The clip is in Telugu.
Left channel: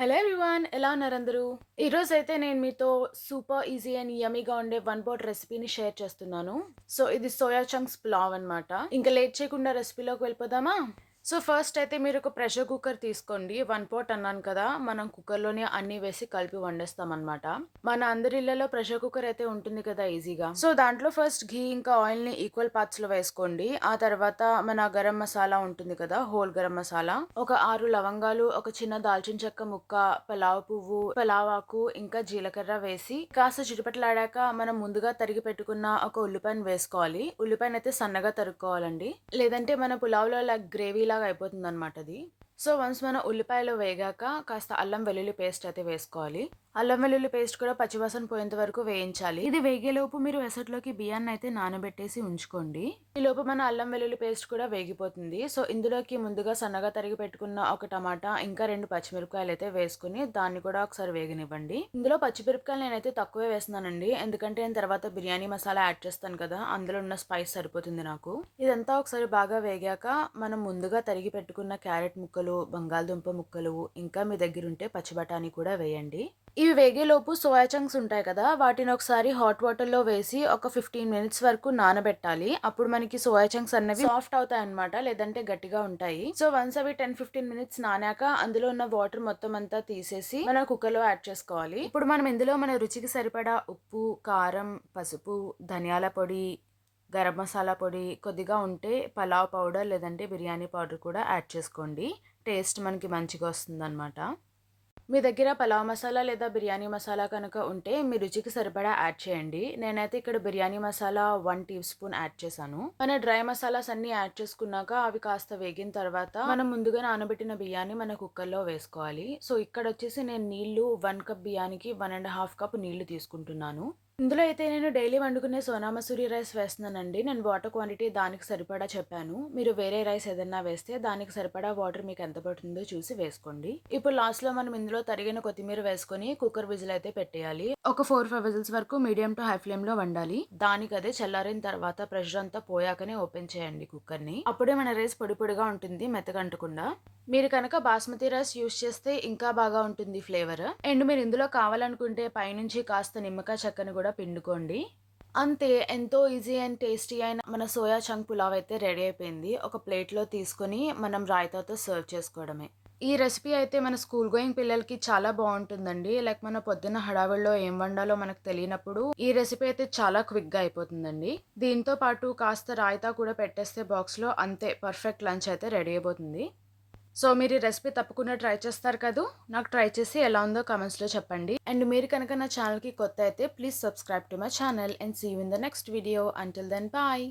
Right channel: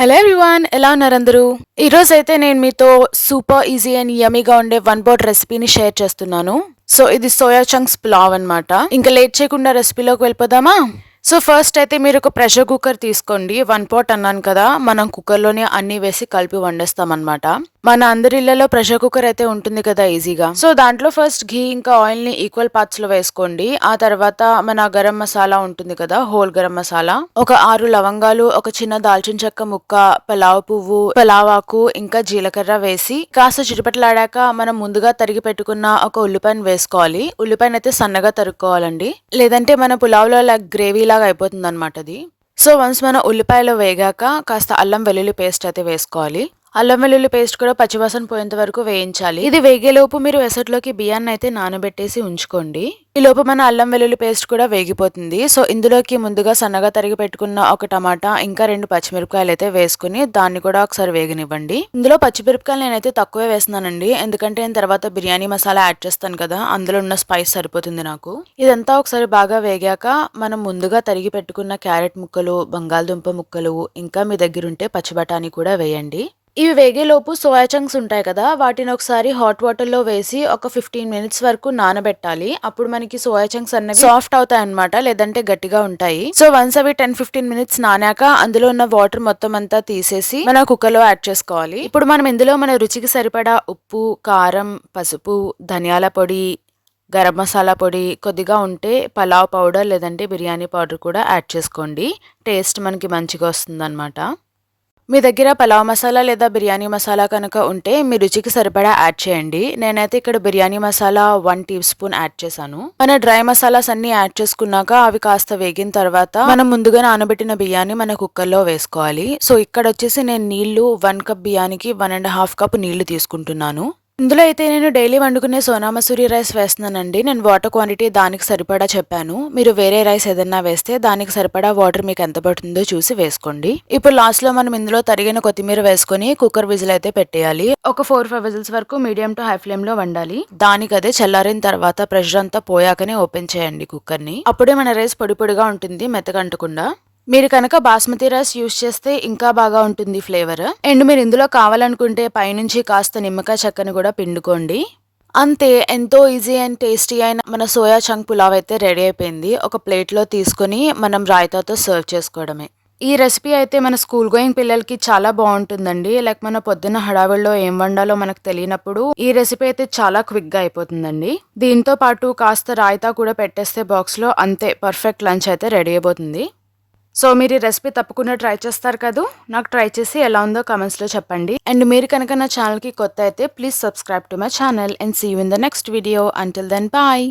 హలో ఎవ్రీవన్, ఎలా ఉన్నారు అందరూ? ఈరోజైతే నేను మీతో సూపర్ ఈజీ అండ్ యమ్మీగా ఉండే వన్ పాట్ రెసిపీని షేర్ చేస్తున్నాను. సో ఇది సోయా చంక్స్ పులావ్ అన్నమాట. ఇంకా లేట్ చేయకుండా రెసిపీలోకి వెళ్ళిపోదామా? సో ఫస్ట్ అయితే మీరు ఒక ప్రెషర్ కుక్కర్ తీసుకోండి. వన్ పాట్ అన్నాను కదా, మనం కుక్కర్లోనే అన్ని వేసి కలిపి వండేస్తాం అనమాట. మన అందరి ఇళ్లలో ప్రెషర్ కుక్కర్ అయితే ఉంటుంది కదా ఈజీగా. సో దాంట్లో ఫస్ట్ ఘీ ఇంకా ఆయిల్ ని ఈక్వల్ పార్ట్స్ లో వేసుకోండి. ఆ తర్వాత మన గరం మసాలా ఉంటుంది కదా, హోల్ గరం మసాలా, ఒక 6 లవంగాలు, ఒక చిన్న దాల్చిన చెక్క ముక్క, పలావ్ పువ్వు, పలావాకు ఇంకా జీలకర్ర వేసి కాస్త చిటపటలాడాక మనం ముందుగా తరిగి పెట్టుకున్న ఒక ఉల్లిపాయను వేసుకోవాలి. ఉల్లిపాయను అయితే సన్నగా తరుక్కోవాలండి, లేదంటే మన పులావ్ లో గ్రేవీ లాగా అయిపోతుంది అనమాట అది. సో వన్స్ మన ఉల్లిపాయలు వేగాక కాస్త అల్లం వెల్లుల్లి పేస్ట్ అయితే వేసుకోవాలి. అల్లం వెల్లుల్లి పేస్ట్ కూడా పచ్చివాసన పోయేంత వరకు వేయించాలి. ఇది వేగేలోపు మీరు ఎసట్లోకి బియ్యాన్ని అయితే నానబెట్టేసి ఉంచుకోండి. ఈ లోపు మన అల్లం వెల్లుల్లి పేస్ట్ కూడా వేగిపోతుంది. సో ఇందులోకి ముందుగా సన్నగా తరిగి పెట్టుకున్న ఒక టమాటా ఇంకా 2 పచ్చిమిరపకాయలు అయితే వేసుకుని దాన్ని కూడా ఒకసారి వేగనివ్వండి. ఇందులో పచ్చిమిరపకాయలు నేనైతే తక్కువే వేస్తున్నానండి, ఎందుకంటే నేను తర్వాత బిర్యానీ మసాలా యాడ్ చేస్తాను కదా, అందులో ఉన్న స్పైస్ సరిపోతుంది నాకు. ఇదంతా ఒకసారి బాగా వేగాక మనం ముందుగా తరిగి పెట్టుకున్న క్యారెట్ ముక్కలు, బంగాళదుంప ముక్కలు ఇంకా మీ దగ్గర ఉంటే పచ్చి బఠానీ కూడా వేయండి. ఇవి వేగేలోపు సోయా చంక్స్ ఉంటాయి కదా, వాటిని ఒకసారి హాట్ వాటర్ లో వేసి ఒక 15 మినిట్స్ వరకు నానబెట్టాలి. అప్పుడు మనకి సోయా చంక్స్ అనేవి సాఫ్ట్ అవుతాయి అనమాట, లేదంటే గట్టిగా ఉంటాయి. సో వన్స్ అవి 10-15 మినిట్స్ నానాక అందులో ఉన్న వాటర్ మొత్తం అంతా తీసేసి మన కుక్కర్ లో యాడ్ చేసుకోవాలి. ఇప్పుడు మనం ఇందులో మన రుచికి సరిపడా ఉప్పు, కారం, పసుపు, ధనియాల పొడి, గరం మసాలా పొడి, కొద్దిగా ఉంటే పలావ్ పౌడర్ లేదంటే బిర్యానీ పౌడర్ కూడా యాడ్ చేసుకోండి. టేస్ట్ మనకి మంచిగా వస్తుంది అనమాట. మీ దగ్గర పలావ్ మసాలా లేదా బిర్యానీ మసాలా కనుక ఉంటే మీ రుచికి సరిపడా యాడ్ చేయండి. నేనైతే ఇక్కడ biryani masala 1 teaspoon add చేశాను. మన డ్రై మసాలాస్ అన్ని యాడ్ చేసుకున్నాక అవి కాస్త వేగిన తర్వాత మనం ముందుగా నానబెట్టిన బియ్యాన్ని మన కుక్కర్లో వేసుకోవాలి. సో ఇక్కడ వచ్చేసి నేను నీళ్లు 1 కప్ బియ్యానికి 1.5 కప్ నీళ్లు తీసుకుంటున్నాను. ఇందులో అయితే నేను డైలీ వండుకునే సోనా మసూరి రైస్ వేస్తున్నానండి. నేను వాటర్ క్వాంటిటీ దానికి సరిపడా చెప్పాను. మీరు వేరే రైస్ ఏదన్నా వేస్తే దానికి సరిపడా వాటర్ మీకు ఎంత పడుతుందో చూసి వేసుకోండి. ఇప్పుడు లాస్ట్ లో మనం ఇందులో తరిగిన కొత్తిమీర వేసుకొని కుక్కర్ విజిల్ అయితే పెట్టేయాలి. ఒక 4-5 విజిల్స్ వరకు మీడియం టు హై ఫ్లేమ్ లో వండాలి. దానికి అదే చల్లారిన తర్వాత ప్రెషర్ అంతా పోయాకనే ఓపెన్ చేయండి కుక్కర్ ని. అప్పుడే మన రైస్ పొడి పొడిగా ఉంటుంది, మెత్తగంటకుండా. మీరు కనుక బాస్మతి రైస్ యూస్ చేస్తే ఇంకా బాగా ఉంటుంది ఫ్లేవర్. అండ్ మీరు ఇందులో కావాలనుకుంటే పైనుంచి కాస్త నిమ్మకాయ చెక్కని కూడా పిండుకోండి. అంతే, ఎంతో ఈజీ అండ్ టేస్టీ అయిన మన సోయా చంక్ పులావ్ అయితే రెడీ అయిపోయింది. ఒక ప్లేట్లో తీసుకొని మనం రాయితాతో సర్వ్ చేసుకోవడమే. ఈ రెసిపీ అయితే మన స్కూల్ గోయింగ్ పిల్లలకి చాలా బాగుంటుందండి. లైక్ మన పొద్దున్న హడావిడిలో ఏం వండాలో మనకు తెలియనప్పుడు ఈ రెసిపీ అయితే చాలా క్విక్గా అయిపోతుందండి. దీంతో పాటు కాస్త రాయితా కూడా పెట్టేస్తే బాక్స్లో, అంతే పర్ఫెక్ట్ లంచ్ అయితే రెడీ అయిపోతుంది. సో మీరు ఈ రెసిపీ తప్పకుండా ట్రై చేస్తారు కదా, నాకు ట్రై చేసి ఎలా ఉందో కామెంట్స్లో చెప్పండి. అండ్ మీరు కనుక నా ఛానల్కి కొత్త అయితే please subscribe to my channel and see you in the next video. Until then bye.